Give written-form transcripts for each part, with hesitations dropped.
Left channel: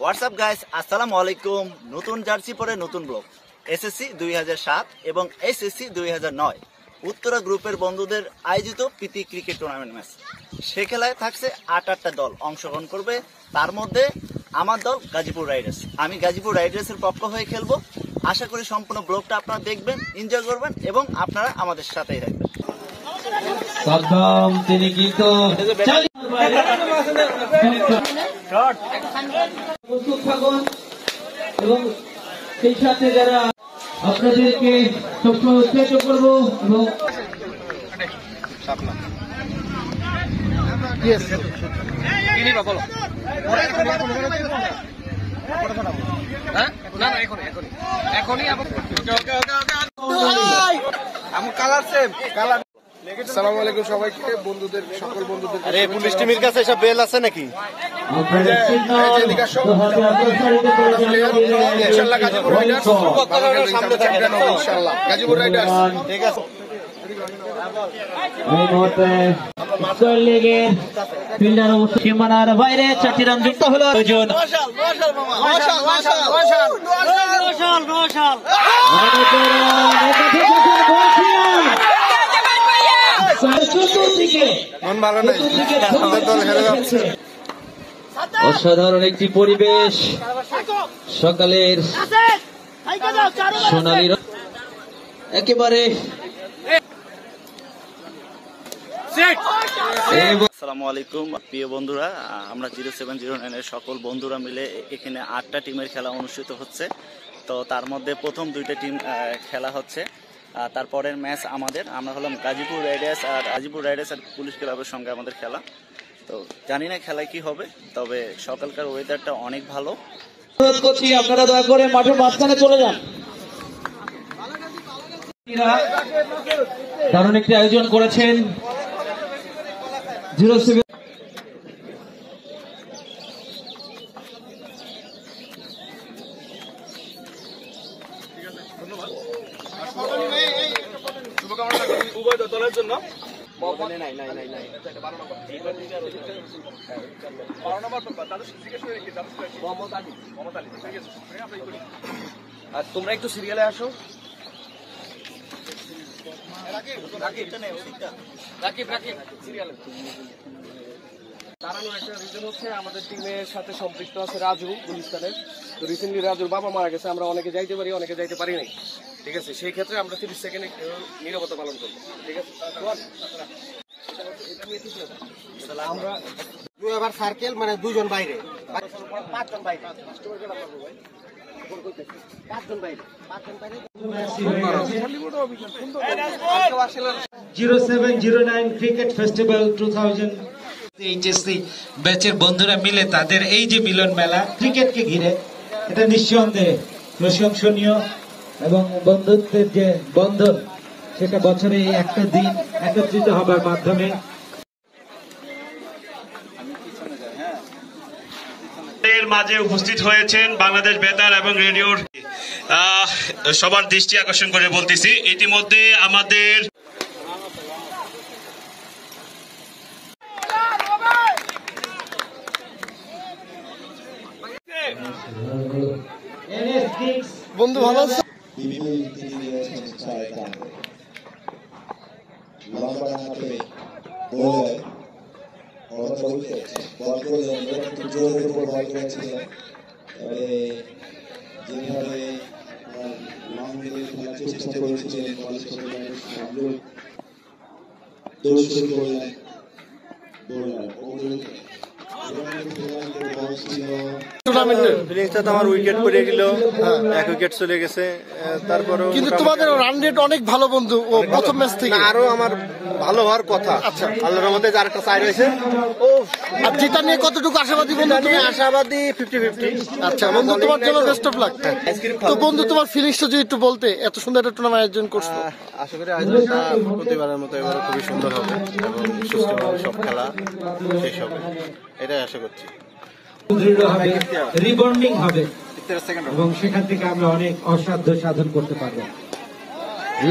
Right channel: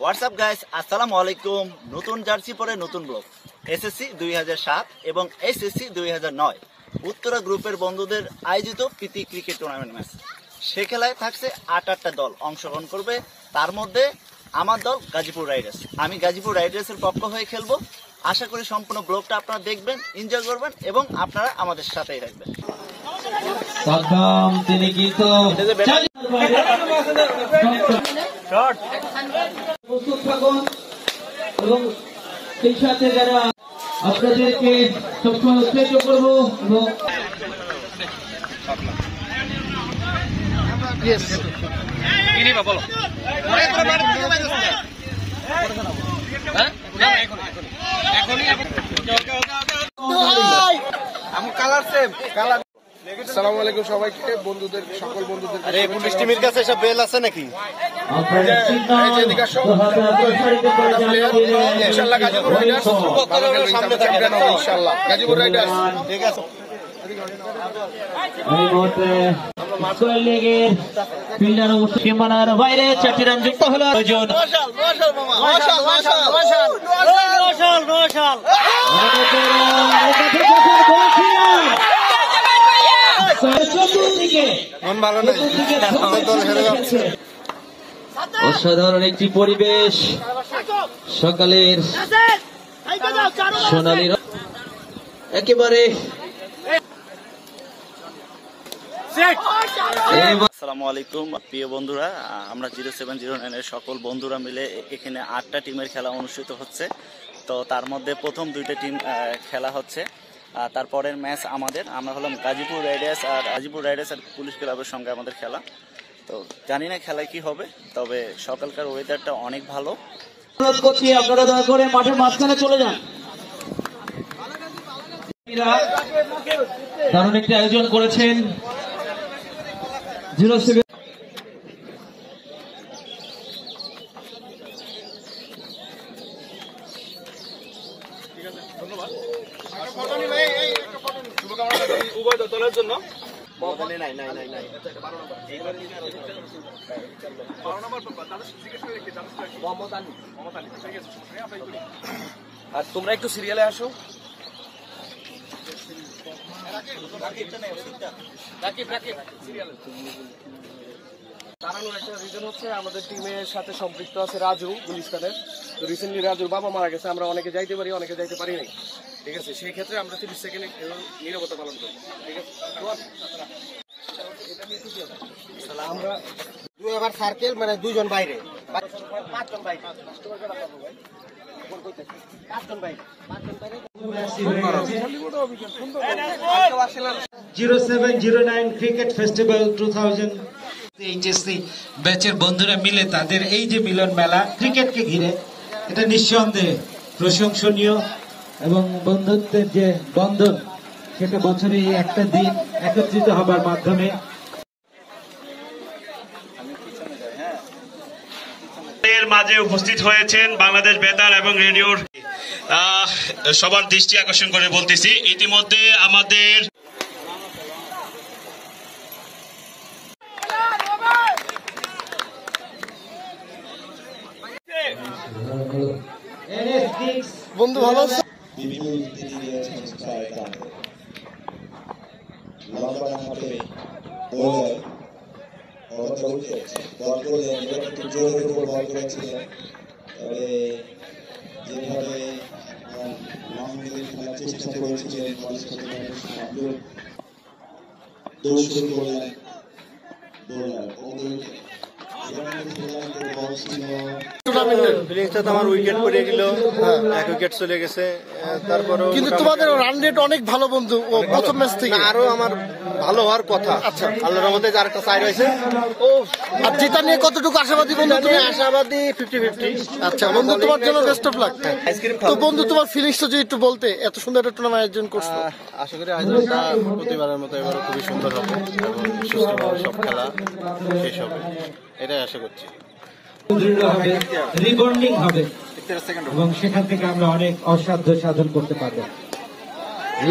WhatsApp guys, আসসালামু আলাইকুম। নতুন জার্সি পরে নতুন ব্লগ। এসএসসি 2007 এবং এসএসসি 2009 উত্তরা গ্রুপের বন্ধুদের আয়োজিত প্রীতি ক্রিকেট টুর্নামেন্ট ম্যাচ। সে খেলায় থাকছে 8টা দল অংশগ্রহণ করবে। তার মধ্যে আমার দল গাজীপুর রাইডার্স। আমি গাজীপুর রাইডার্সের পক্ষ হয়ে খেলবো। আশা করি সম্পূর্ণ ব্লগটা আপনারা দেখবেন, এনজয় করবেন এবং আপনারা আমাদের সাথেই থাকবেন। তিনি কিন্তু প্রস্তুত থাকুন এবং সেই সাথে যারা আপনাদেরকে উৎসাহিত করবো এবং আসসালামু আলাইকুম সবাইকে, বন্ধুদের সকল বন্ধুদের মিষ্টিমির কাছে এসব বেল আছে নাকি? ইনশাআল্লাহ গাজীপুর রাইডার্স ইনশাআল্লাহ গাজীপুর রাইডার্স। ঠিক আছে। এই মুহূর্তে সীমানার বাইরে 4টি রান যুক্ত হলো। মন ভালো নেই, দল হেরে যাচ্ছে। অসাধারণ একটি পরিবেশ, সকালের সোনালী একেবারে। আসসালামু আলাইকুম প্রিয় বন্ধুরা, আমরা 0709 এর সকল বন্ধুরা মিলে এখানে 8টা টিমের খেলা অনুষ্ঠিত হচ্ছে। তো তার মধ্যে প্রথম 2টা টিম খেলা হচ্ছে। তারপরের ম্যাচ আমরা হলাম গাজীপুর রাইডার্স আর পুলিশ ক্লাবের সঙ্গে আমাদের খেলা। তো জানি না খেলায় কি হবে, তবে সকালকার ওয়েদারটা অনেক ভালো। আপনারা দয়া করে মাঠের মাঝখানে চলে যান। দারুণ একটি আয়োজন করেছেন 07। উভয় দলের জন্য আর তোমরা একটু সিরিয়ালে আসো। দাঁড়ানোর একটা রিজন হচ্ছে আমাদের টিমের সাথে সম্পৃক্ত আছে রাজু গুলিস্তানের। তো রিসেন্টলি রাজুর বাবা মারা গেছে, আমরা অনেকে যাইতে পারি অনেকে যাইতে পারিনি। ঠিক আছে, সেই ক্ষেত্রে আমরা 30 সেকেন্ডে নীরবতা পালন করি। ঠিক আছে, এটা নিয়ে ঠিক আছে। আমরা আবার সার্কেল মানে 2 জন বাইরে, 5 জন বাইরে, 0709 ক্রিকেট ফেস্টিভ্যাল 2000 এইচএসসি ব্যাচের বন্ধুরা মিলে তাদের এই যে মিলন মেলা ক্রিকেটকে ঘিরে, এটা নিঃসন্দেহে প্রশংসনীয় এবং বন্ধুত্বের যে বন্ধন সেটা বছরে একটা দিন একত্রিত হবার মাধ্যমে এর মাঝে উপস্থিত হয়েছেন বাংলাদেশ বেতার এবং রেডিওর সবার দৃষ্টি আকর্ষণ করে বলতেছি, ইতিমধ্যে আমাদের বন্ধু ভালো আছে। যেভাবে খেলার চেষ্টা করেছিলেন দৌড় শুরু করলেন আমার উইকেট পড়ে গেল, 1 উইকেট চলে গেছে। তারপরও কিন্তু তোমাদের রান রেট অনেক ভালো বন্ধু, ও প্রথম ম্যাচ থেকে আরো আমার ভালো হওয়ার কথা। আচ্ছা, আল্লাহর রহমতে আরেকটা চাই রয়েছে। ও আর জিতা নিয়ে কতটুকু আশাবাদী বন্ধু? আশাবাদী 50-50। আচ্ছা বন্ধু, তোমার জন্য বেস্ট অফ লাক। তো বন্ধু, তোমার ফিলিংসটা যদি একটু বলতে, এত সুন্দর একটা টুর্নামেন্ট আয়োজন করছো। আশা করি আয়োজনটা প্রতিবারের মতো এবারও খুবই সুন্দর হবে এবং সুষ্ঠুভাবে সব খেলা শেষ হবে, এটাই আশা করছি। রিবন্ডিং হবে এবং সেখান থেকে আমরা অনেক অসাধ্য সাধন করতে পারবো।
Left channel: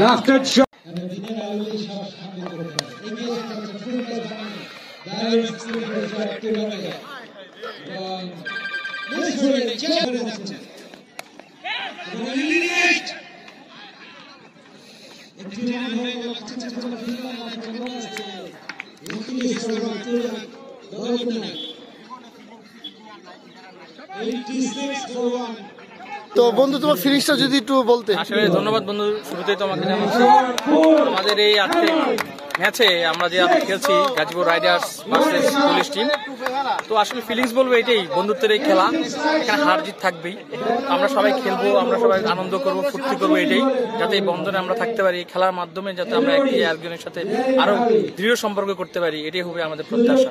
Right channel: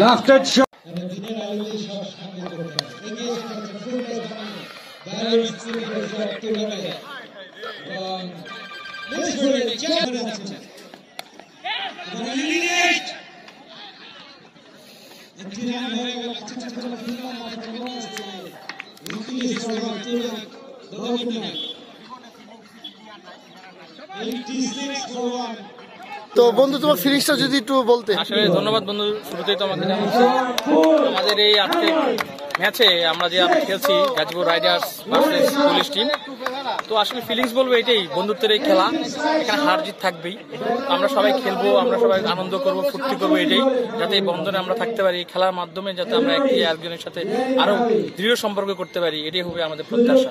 লাস্টেড শট দিনের আলোতে সব সামনে করতে হবে এগিয়ে যাচ্ছে ফুটবল দারুণ স্পিড শট তুলে এবং মিস করে চেক করে যাচ্ছে একটু জানা হয়ে গেল আচ্ছা ছোট ফিল্ডার মাঠে কেমন আছে ইংলিশ সরকার তুলে দরকুনা 86-1 তো বন্ধু তোমার ফিনিশটা যদি একটু বলতে। আসলে ধন্যবাদ বন্ধু, শুরুতেই তো আমাকে জানাচ্ছি আমাদের এই আজকে ম্যাচে আমরা যে খেলছি Gazipur Riders versus police team, তো আসলে ফিলিংস বলবো এটাই, বন্ধুত্বের এই খেলা, এখানে হার জিত থাকবেই, আমরা সবাই খেলবো, আমরা সবাই আনন্দ করব, ফুর্তি করবো, এটাই যাতে এই বন্ধনে আমরা থাকতে পারি, খেলার মাধ্যমে যাতে আমরা একজনের সাথে আরো দৃঢ় সম্পর্ক করতে পারি, এটাই হবে আমাদের প্রত্যাশা।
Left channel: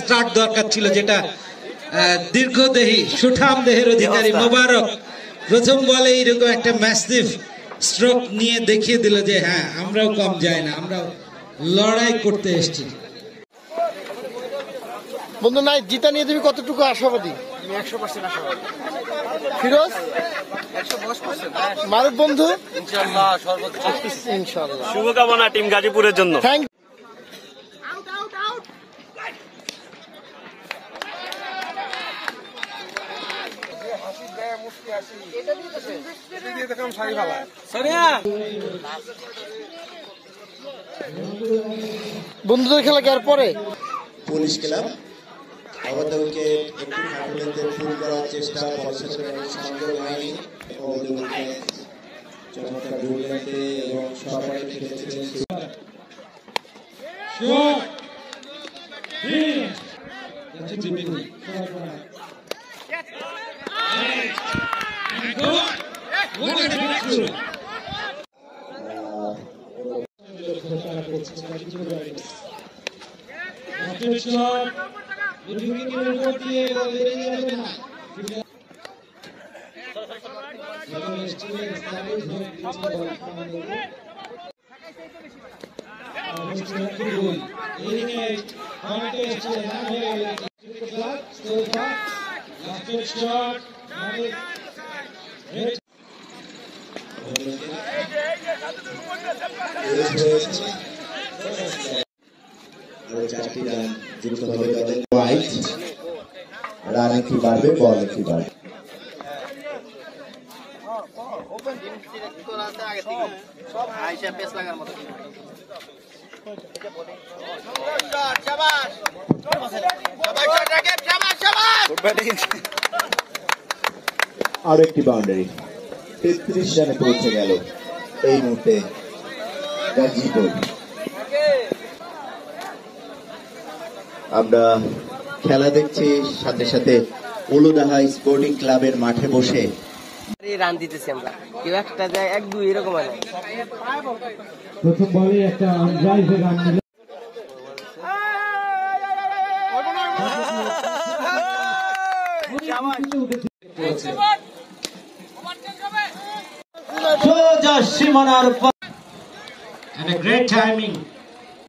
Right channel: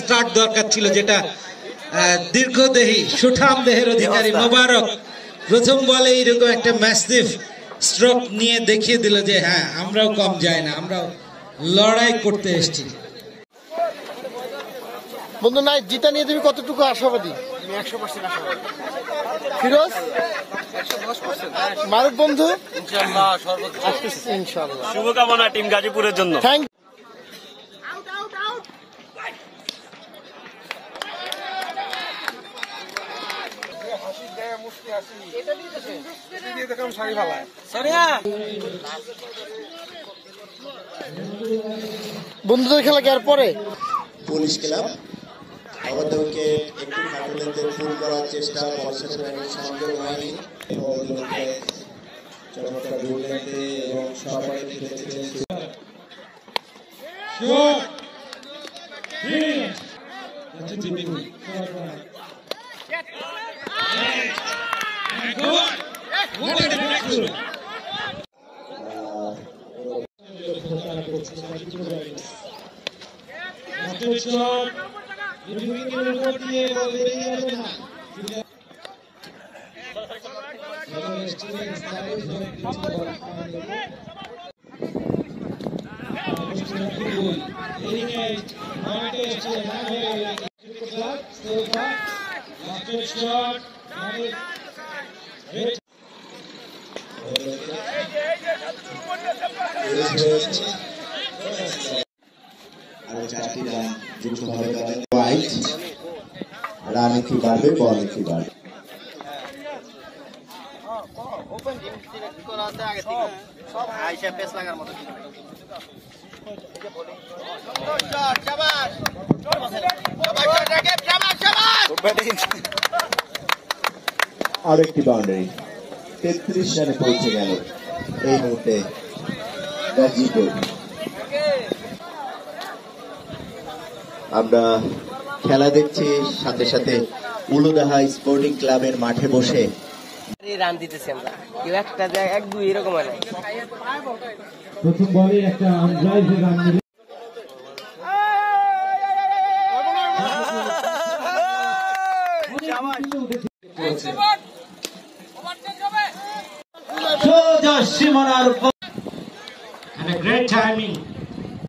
স্টার্ট দরকার ছিল, যেটা দীর্ঘদেহী সুঠাম দেহের অধিকারী মোবারক প্রথম বলে এইরকম একটা ম্যাসিভ স্ট্রোক নিয়ে দেখিয়ে দিল যে হ্যাঁ আমরাও কম যাই না, আমরাও লড়াই করতে এসেছি। বন্ধু নাই জিতা নিয়ে তুমি কতটুকু আশাবাদী? আমি 100% আশাবাদী। ফিরোজ 110%। মারুফ বন্ধু ইনশাআল্লাহ সর্বোচ্চ ইনশাআল্লাহ। শুভকামনা টিম গাজীপুরের জন্য। থ্যাংক বন্ধুদের খেলা কি আর পরে? পুলিশ ক্লাব আমাদেরকে একটু ফাইনালে ফুল করার চেষ্টা করছে, সংযোগ হয়নি চমৎকার দুর্দান্তে এবং সবাই খেলেছিলেন। রান একটু বাড়বে, বল একটু বাড়বে। আরো একটি বাউন্ডারি 33 রানে পৌঁছে গেল এই মুহূর্তে গাজীপুর। আমরা খেলা দেখছি সাথে সাথে উলুদাহা স্পোর্টিং ক্লাবের মাঠে বসে রান দিতেছি আমরা, কেউ একটা এক দুই এরকম হয় না। প্রথম বলে একটা ড্রাইভে রান দিল। And a great timing